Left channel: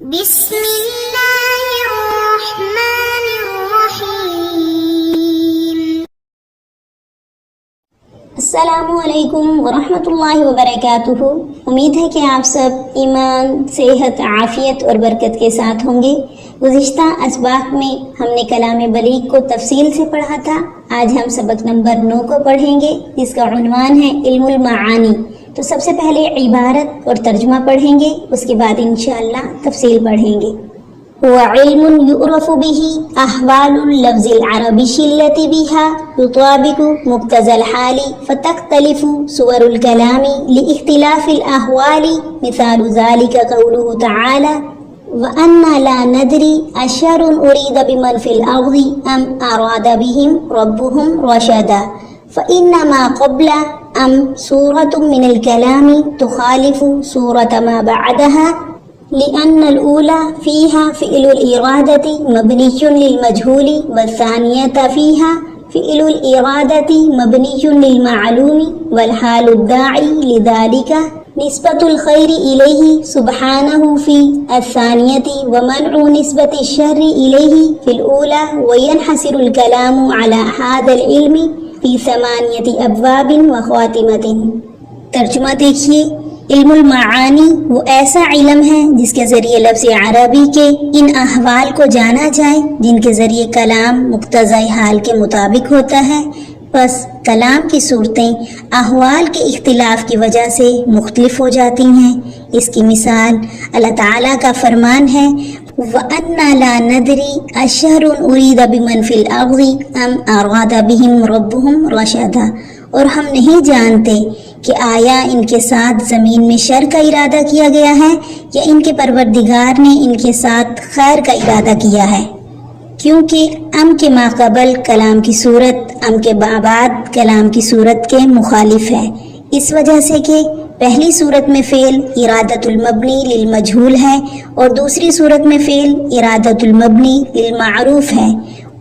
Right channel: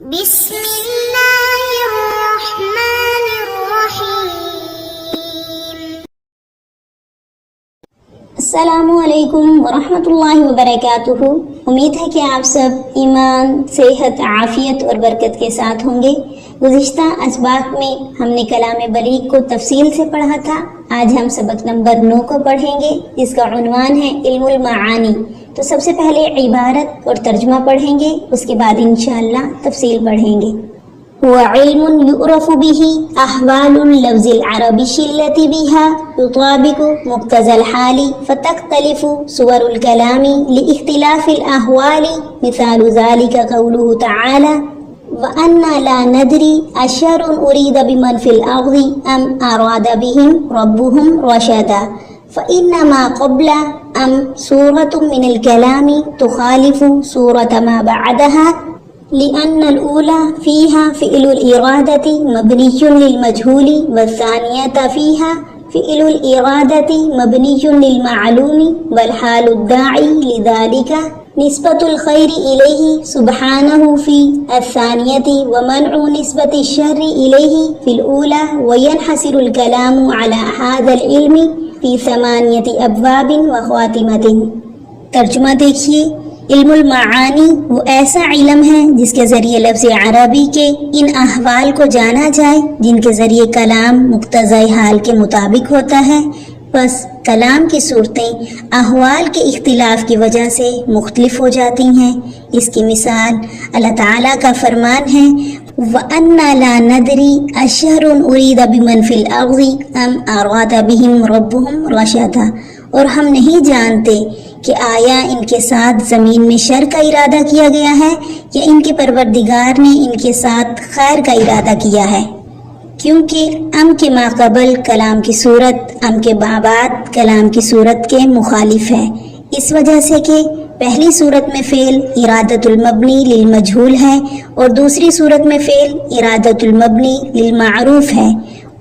بسم اللہ الرحمن الرحیم۔ السلام علیکم ورحمۃ اللہ وبرکاتہ۔ امید ہے کہ آپ سب ایمان، صحت، عافیت اور برکت کے ساتھ ہوں گے۔ گزشتہ اسباق میں ہم نے کلام بلیغ کو تفصیل سے پڑھا تھا۔ آج ہم سبق نمبر 9 کو پڑھیں گے، جس کا عنوان ہے علم المعانی۔ تو سب سے پہلے عبارت اور ترجمہ پڑھیں گے، اس کے بعد انشاءاللہ تفصیل پڑھیں گے۔ هو علم يعرف به أحوال اللفظ العربي التي بها يطابق مقتضى الحال فتختلف صور الكلام لاختلاف الأحوال، مثال ذلك قوله تعالى وَأَنَّا لَا نَدْرِي أَشَرٌ أُرِيدَ بِمَنْ فِي الْأَرْضِ أَمْ أَرَادَ بِهِمْ رَبُّهُمْ رَشَدًا، فَإِنَّمَا قَبْلَ أَمْ سُورَةٌ مِنَ الْكَلَامِ تُخَالِفُ سُورَةَ مَا بَعْدَهَا، لأن الأولى فيها فعل الإرادة مبني للمجهول، والثانية فيها فعل الإرادة مبني للمعلوم، والحال الداعي لذلك نسبة الخير إليه سبحانه في الثانية، ومنع نسبة الشر إليه في الأولى، وينحصر الكلام على هذا العلم في 8 أبواب وخواتمة۔ ترجمہ دیکھیے، علم المعانی وہ ایسا علم ہے جس کے ذریعے لفظ عربی کے ان احوال کو جانا جائے جن کے ذریعے کلام مقتضی حال کے مطابق ہوتا ہے۔ بس کلام کی صورتیں احوال کے اختلاف کی وجہ سے مختلف ہو جاتی ہیں۔ اس کی مثال اللہ تعالیٰ کا فرمان ہے وَأَنَّا لَا نَدْرِي أَشَرٌ أُرِيدَ بِمَنْ فِي الْأَرْضِ أَمْ أَرَادَ بِهِمْ رَبُّهُمْ رَشَدًا، اور ہم نہیں جانتے کہ آیا ان کے ساتھ زمین میں شر کا ارادہ کیا گیا ہے یا ان کے پروردگار نے ان کے ساتھ خیر کا ارادہ کیا ہے، کیونکہ ام کے ماقبل کلام کی صورت ام کے بعد کلام کی صورت کے مخالف ہے، اس وجہ سے کہ پہلی صورت میں فعل ارادت المبنی للمجہول ہے اور دوسری صورت میں فعل ارادت المبنی للمعروف ہے،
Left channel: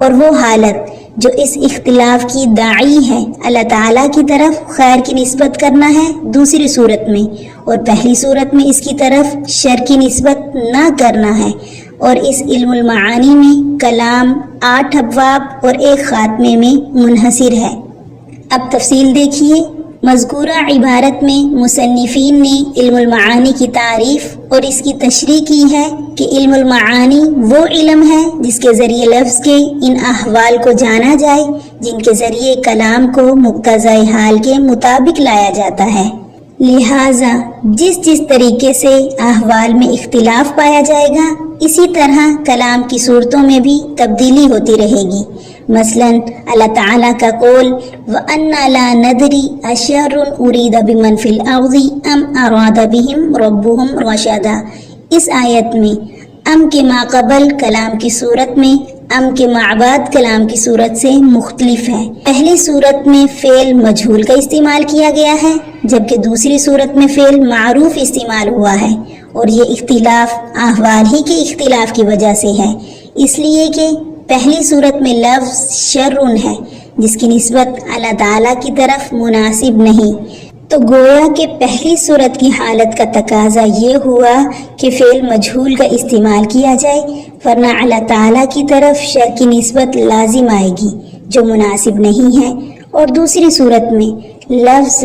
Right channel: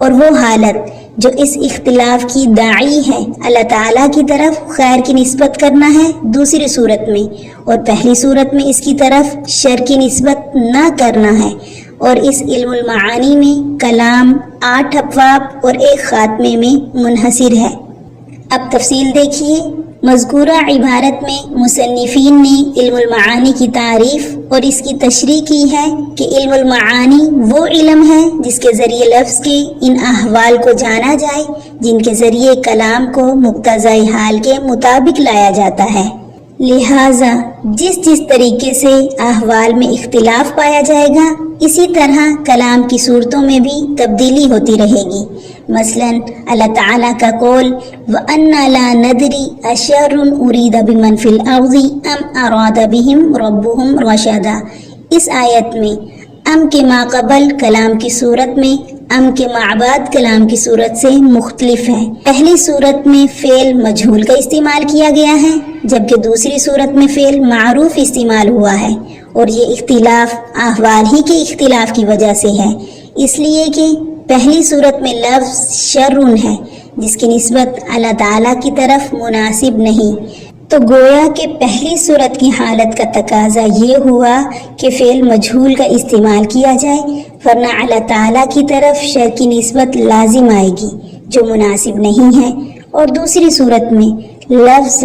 اور وہ حالت جو اس اختلاف کی داعی ہے اللہ تعالیٰ کی طرف خیر کی نسبت کرنا ہے دوسری صورت میں، اور پہلی صورت میں اس کی طرف شر کی نسبت نہ کرنا ہے۔ اور اس علم المعانی میں کلام 8 ابواب اور 1 خاتمے میں منحصر ہے۔ اب تفصیل دیکھیے۔ مذکورہ عبارت میں مصنفین نے علم المعانی کی تعریف اور اس کی تشریح کی ہے کہ علم المعانی وہ علم ہے جس کے ذریعے لفظ کے ان احوال کو جانا جائے جن کے ذریعے کلام کو مقتضی حال کے مطابق لایا جاتا ہے۔ لہٰذا جس طریقے سے احوال میں اختلاف پایا جائے گا اسی طرح کلام کی صورتوں میں بھی تبدیلی ہوتی رہے گی۔ مثلا اللہ تعالیٰ کا قول وَأَنَّا لَا نَدْرِي أَشَرٌ أُرِيدَ بِمَنْ فِي الْأَرْضِ أَمْ أَرَادَ بِهِمْ رَبُّهُمْ رَشَدًا، اس آیت میں ام کے ماقبل کلام کی صورت میں ام کے بعد کلام کی صورت سے مختلف ہے۔ پہلی صورت میں فعل مجہول کا استعمال کیا گیا ہے جبکہ دوسری صورت میں فعل معروف استعمال ہوا ہے، اور یہ اختلاف احوال ہی کے اختلاف کی وجہ سے ہے، اس لیے کہ پہلی صورت میں لفظ شرٌ ہے جس کی نسبت اللہ تعالیٰ کی طرف مناسب نہیں، تو گویا کہ پہلی صورت کی حالت کا تقاضا یہ ہوا کہ فعل مجہول کا استعمال کیا جائے، ورنہ اللہ تعالیٰ کی طرف شر کی نسبت لازم آئے گی جو مناسب نہیں ہے۔ اور دوسری صورت میں لفظ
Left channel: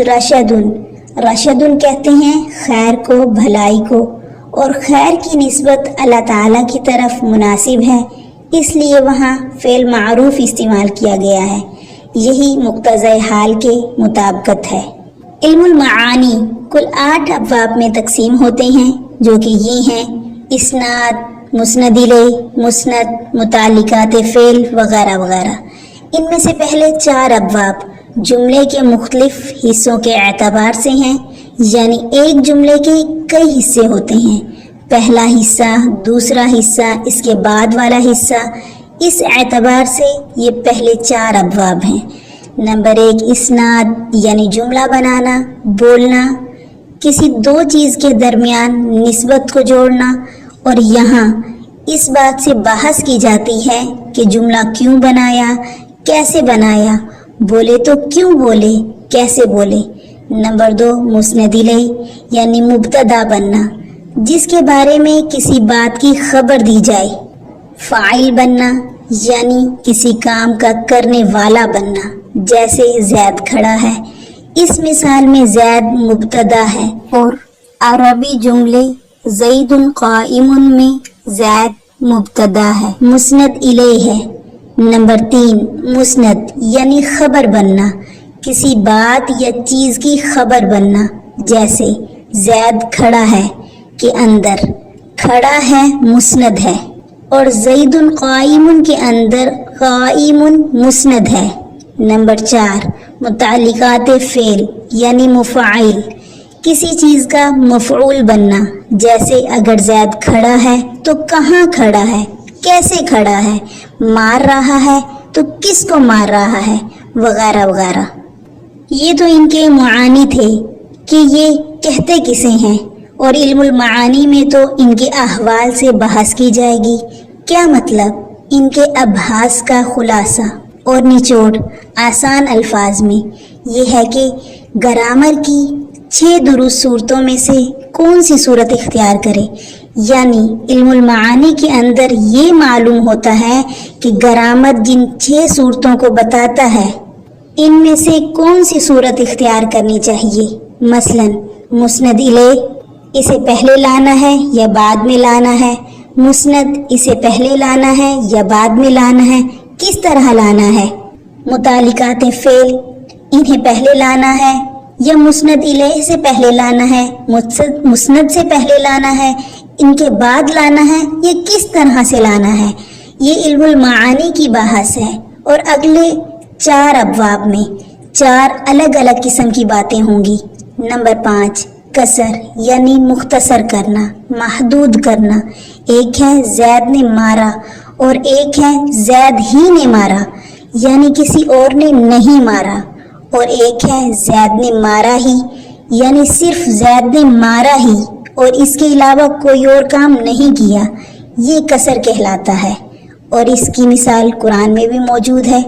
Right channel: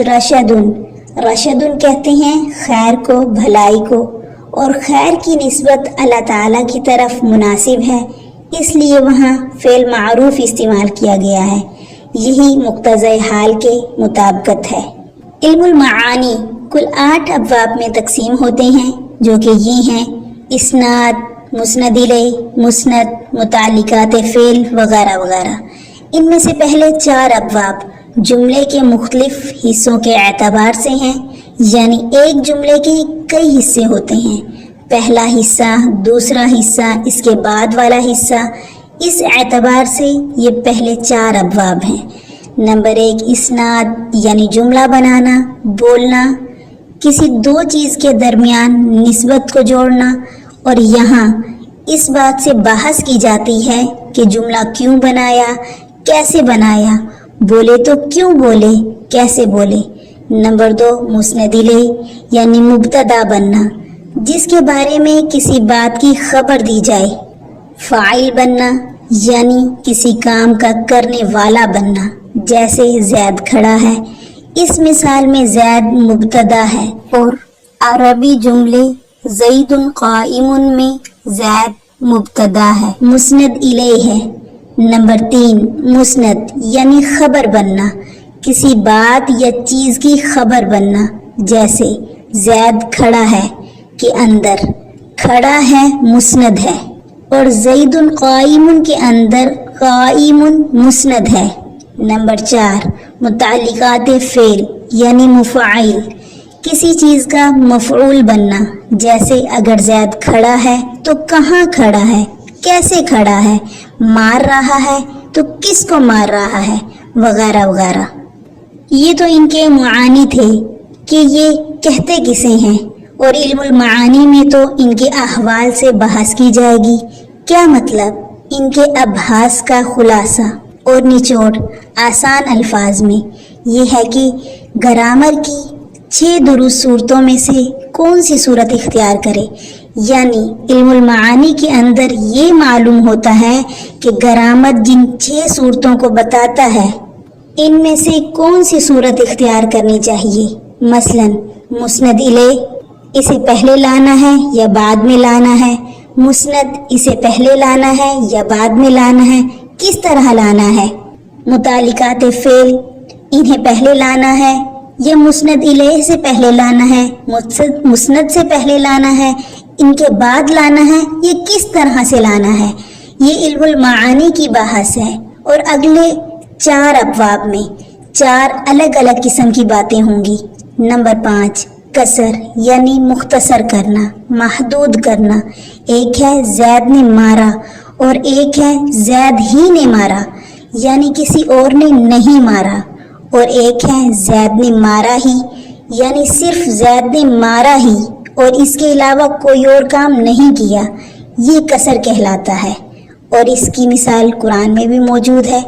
رشدن کہتے ہیں خیر کو، بھلائی کو، اور خیر کی نسبت اللہ تعالیٰ کی طرف مناسب ہے، اس لیے وہاں فعل معروف استعمال کیا گیا ہے۔ یہی مقتضی حال کے مطابقت ہے۔ علم المعانی کل 8 ابواب میں تقسیم ہوتے ہیں جو کہ یہ ہیں اسناد، مسند الیہ، مسند، متعلقات فعل وغیرہ وغیرہ۔ ان میں سے پہلے 4 ابواب جملے کے مختلف حصوں کے اعتبار سے ہیں، یعنی ایک جملے کے کئی حصے ہوتے ہیں، پہلا حصہ، دوسرا حصہ، اس کے بعد والا حصہ، اس اعتبار سے یہ پہلے 4 ابواب ہیں۔ نمبر 1 اسناد، یعنی جملہ بنانا، بولنا، کسی 2 چیز کے درمیان نسبت کو جوڑنا، اور یہاں اس بات سے بحث کی جاتی ہے کہ جملہ کیوں بنایا، کیسے بنایا، بولے تو کیوں بولے، کیسے بولے۔ نمبر 2 مسند الیہ، یعنی مبتدا بننا، جس کے بارے میں کسی بات کی خبر دی جائے. فاعل بننا یعنی کسی کام کا کرنے والا بننا، جیسے زید کھڑا ہے. اس مثال میں زید مبتدا ہے اور عربی جملے زید قائم میں زید مبتدا ہے، مسند الیہ ہے. نمبر 3 مسند یعنی خبر بننا، کسی بات یا چیز کی خبر بننا، جیسے زید کھڑا ہے کے اندر کھڑا ہے مسند ہے اور زید قائم کے اندر قائم مسند ہے. نمبر 4 متعلقات فعل یعنی مفاعل، کسی چیز کا مفعول بننا، جیسے اگر زید کھڑا ہے تو کہاں کھڑا ہے، کیسے کھڑا ہے، مار رہا ہے تو کس کو مار رہا ہے، وغیرہ وغیرہ. یہ تو ان کے معانی تھے کہ یہ کہتے کسے ہیں، اور علم المعانی میں تو ان کے احوال سے بحث کی جائے گی. کیا مطلب؟ ان کے ابحاث کا خلاصہ اور نچوڑ آسان الفاظ میں یہ ہے کہ گرامر کی 6 درست صورتوں میں سے کون سی صورت اختیار کرے. یعنی علم المعانی کے اندر یہ معلوم ہوتا ہے کہ گرامر جن 6 صورتوں کو بتاتا ہے ان میں سے کون سی صورت اختیار کرنی چاہیے. مثلا مسند الیہ اسے پہلے لانا ہے یا بعد میں لانا ہے، مسند اسے پہلے لانا ہے یا بعد میں لانا ہے، کس طرح لانا ہے. متعلقات فعل انہیں پہلے لانا ہے یا مسند الیہ سے پہلے لانا ہے، مسند سے پہلے لانا ہے، ان کے بعد لانا ہے، یہ کس طرح سے لانا ہے. یہ علم المعانی کی بحث ہے اور اگلے 4 ابواب میں 4 الگ الگ قسم کی باتیں ہوں گی. نمبر 5 قصر یعنی مختصر کرنا، محدود کرنا. ایک ہے زید نے مارا اور ایک ہے زید ہی نے مارا، یعنی کسی اور نے نہیں مارا، اور ایک ہے زید نے مارا ہی، یعنی صرف زید نے مارا ہی اور اس کے علاوہ کوئی اور کام نہیں کیا. یہ قصر کہلاتا ہے اور اس کی مثال قرآن میں بھی موجود ہے.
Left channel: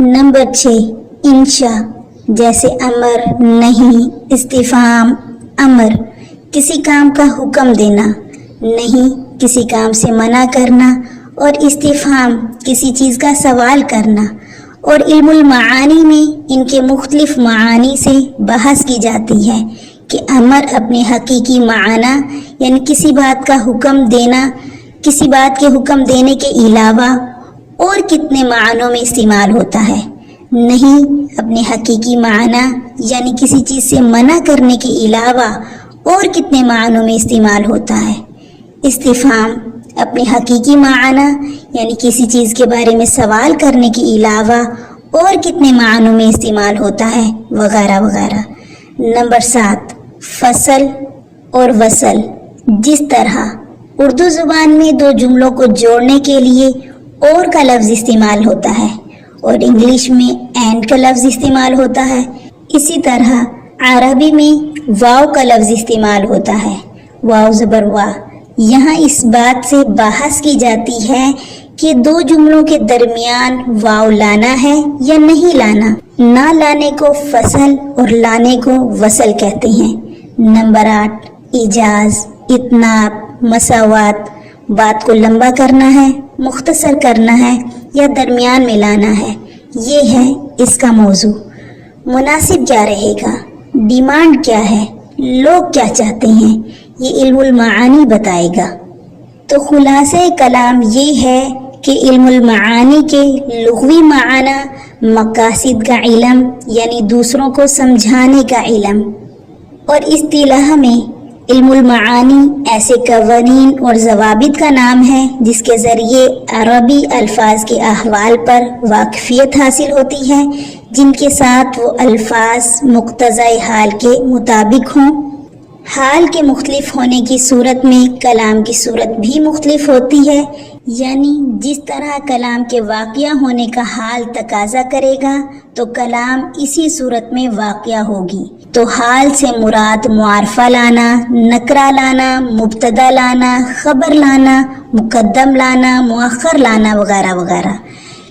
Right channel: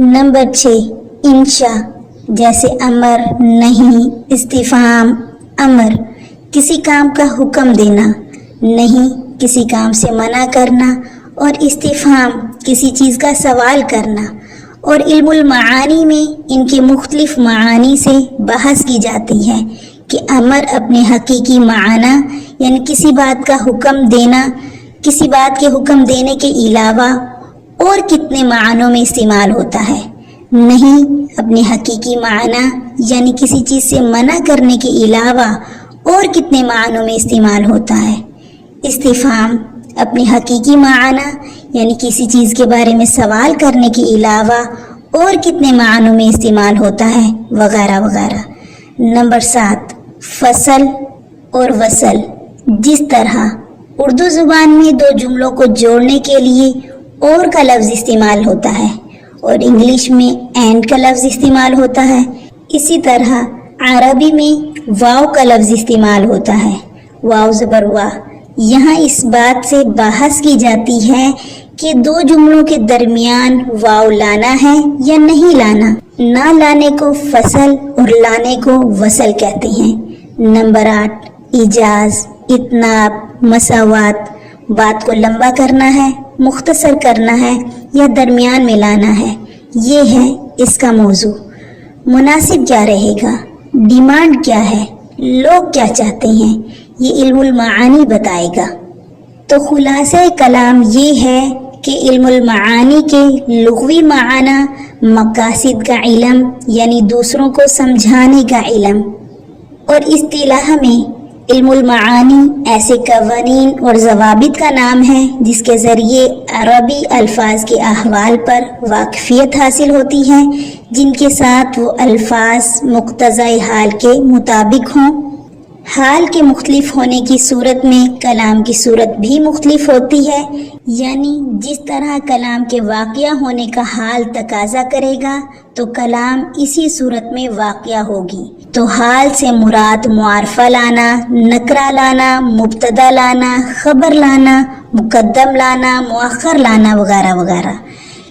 نمبر 6 انشاء، جیسے امر، نہیں، استفہام. امر کسی کام کا حکم دینا، نہیں کسی کام سے منع کرنا، اور استفہام کسی چیز کا سوال کرنا. اور علم المعانی میں ان کے مختلف معانی سے بحث کی جاتی ہے کہ امر اپنے حقیقی معنی یعنی کسی بات کا حکم دینا، کسی بات کے حکم دینے کے علاوہ اور کتنے معنوں میں استعمال ہوتا ہے. نہیں اپنے حقیقی معنی یعنی کسی چیز سے منع کرنے کے علاوہ اور کتنے معنوں میں استعمال ہوتا ہے. استفہام اپنے حقیقی معنی یعنی کسی چیز کے بارے میں سوال کرنے کے علاوہ اور کتنے معنوں میں استعمال ہوتا ہے، وغیرہ وغیرہ. نمبر 7 فصل اور وصل. جس طرح اردو زبان میں 2 جملوں کو جوڑنے کے لیے اور کا لفظ استعمال ہوتا ہے اور انگلش میں اینڈ کا لفظ استعمال ہوتا ہے، اسی طرح عربی میں واو کا لفظ استعمال ہوتا ہے، واو زبر وا. یہاں اس بات سے بحث کی جاتی ہے کہ 2 جملوں کے درمیان واو لانا ہے یا نہیں لانا. نہ لانے کو فصل اور لانے کو وصل کہتے ہیں. نمبر 8 ایجاز، اتناب، مساوات. بات کو لمبا کرنا ہے، مختصر کرنا ہے یا درمیان میں لانا ہے، یہ ہے اس کا موضوع. مناسب کیا رہے گا، ڈیمانڈ کیا ہے، لوگ کیا چاہتے ہیں، یہ علم المعانی بتائے گا. تو خلاصہ کلام یہ ہے کہ علم المعانی کے لغوی معنی مقاصد کا علم یعنی دوسروں کو سمجھانے کا علم، اور اصطلاح میں علم المعانی ایسے قوانین اور ضوابط کا نام ہے جس کے ذریعے عربی الفاظ کے احوال پر واقفیت حاصل ہوتی ہے، جن کے ساتھ وہ الفاظ مقتضی حال کے مطابق ہوں. حال کے مختلف ہونے کی صورت میں کلام کی صورت بھی مختلف ہوتی ہے، یعنی جس طرح کلام کے واقعہ ہونے کا حال تقاضا کرے گا تو کلام اسی صورت میں واقعہ ہوگی. تو حال سے مراد معرفہ لانا، نکرہ لانا، مبتدا لانا، خبر لانا، مقدم لانا، مؤخر لانا، وغیرہ وغیرہ.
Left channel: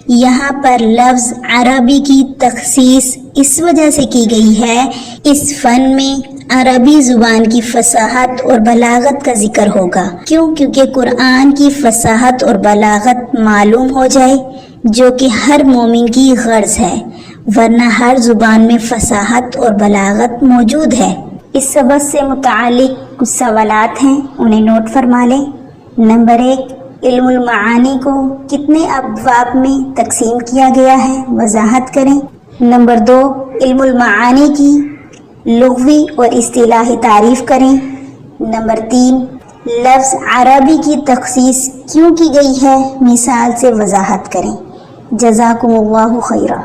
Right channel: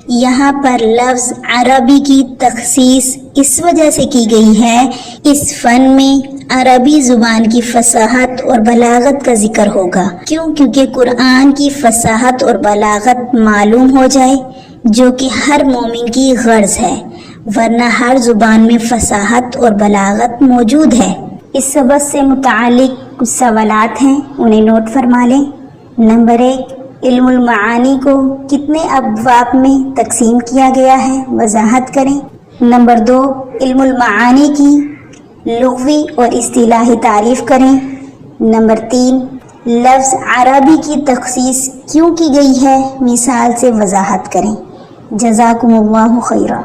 یہاں پر لفظ عربی کی تخصیص اس وجہ سے کی گئی ہے، اس فن میں عربی زبان کی فصاحت اور بلاغت کا ذکر ہوگا، کیونکہ قرآن کی فصاحت اور بلاغت معلوم ہو جائے، جو کہ ہر مومن کی غرض ہے، ورنہ ہر زبان میں فصاحت اور بلاغت موجود ہے۔ اس سبق سے متعلق کچھ سوالات ہیں، انہیں نوٹ فرما لیں۔ نمبر 1، علم المعانی کو کتنے ابواب میں تقسیم کیا گیا ہے، وضاحت کریں۔ نمبر 2، علم المعانی کی لغوی اور اصطلاحی تعریف کریں۔ نمبر 3، لفظ عربی کی تخصیص کیوں کی گئی ہے، مثال سے وضاحت کریں۔ جزاکم اللہ خیرا۔